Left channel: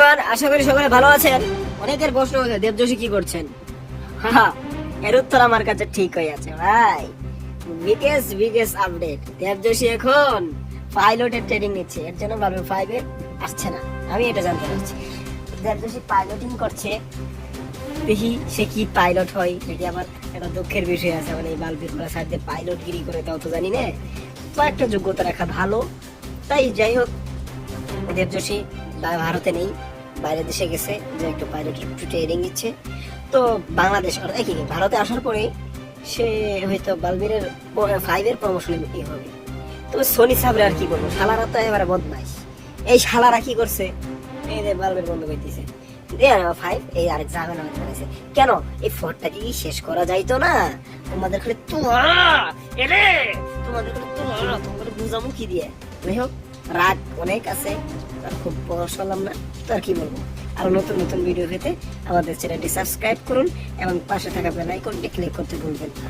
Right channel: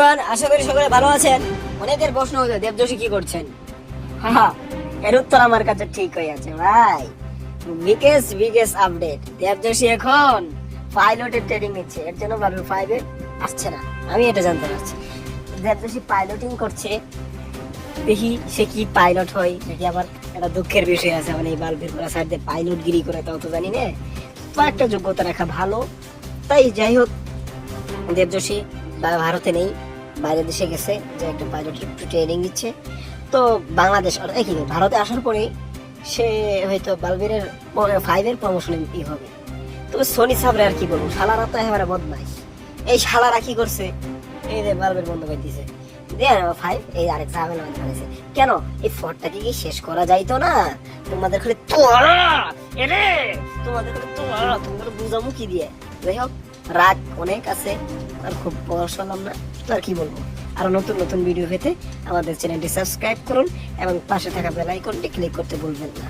এবার আশা করি সবাই ভালো আছেন। অনেকের প্রশ্ন হচ্ছে দেবযোশী কি করছেন? এর উত্তর আমার কাছে ঠিক হয়ে আছে, ভাই। বিকেস বিকেস আপডেট। দেবযোশী এখন পাইলটের ট্রেনিং নিচ্ছে। এর জন্য বালুর ফাইভে আসছে না। আমি এটা জানতে পারছি দেবযোশী পাইলটিং করছে। দেখি সে কি পাইলট হয়, নাকি আবার একটা দুঃখের বিষয় আছে। আমার এই বালবির করা সাইড দিয়ে পাইলট গিরি করে, তাও তো জানি না। তো একটা যোগ্যতা রাখা ভালো। তাই যাই হোক দেবযোশী বা- ভারতে নেই বাইরের দেশে গেছে যে একটু পাইলট একটু ট্রেনিং নিচ্ছে। তো বাংলাদেশ নেই, ভারতে আসার পরে সে হয়তো বালবীরের ফাইভের প্রমোশনে ই হবে। তবে সোনি সাবরে আর কি করব? শালারা তো এবারে বদমাইশ। এই শালারা কি করছে? এই যে বালবের বন্ধু হইতেছে। ফাইভ এই আরেক গেছে। কেন? এই ফোরটাকে কি শেষ করা যাইতো না? তোমাদের খালি এরে বুঝাবো কি দিয়ে যাই হোক অনেক আছে আর খুব তো আর কি বলব নতুন নতুন ভিডিও পেতে আমাদের চ্যানেলটি সাবস্ক্রাইব করুন এবং পাশে থাকা বেল আইকনটি ক্লিক করতে ভুলবেন না।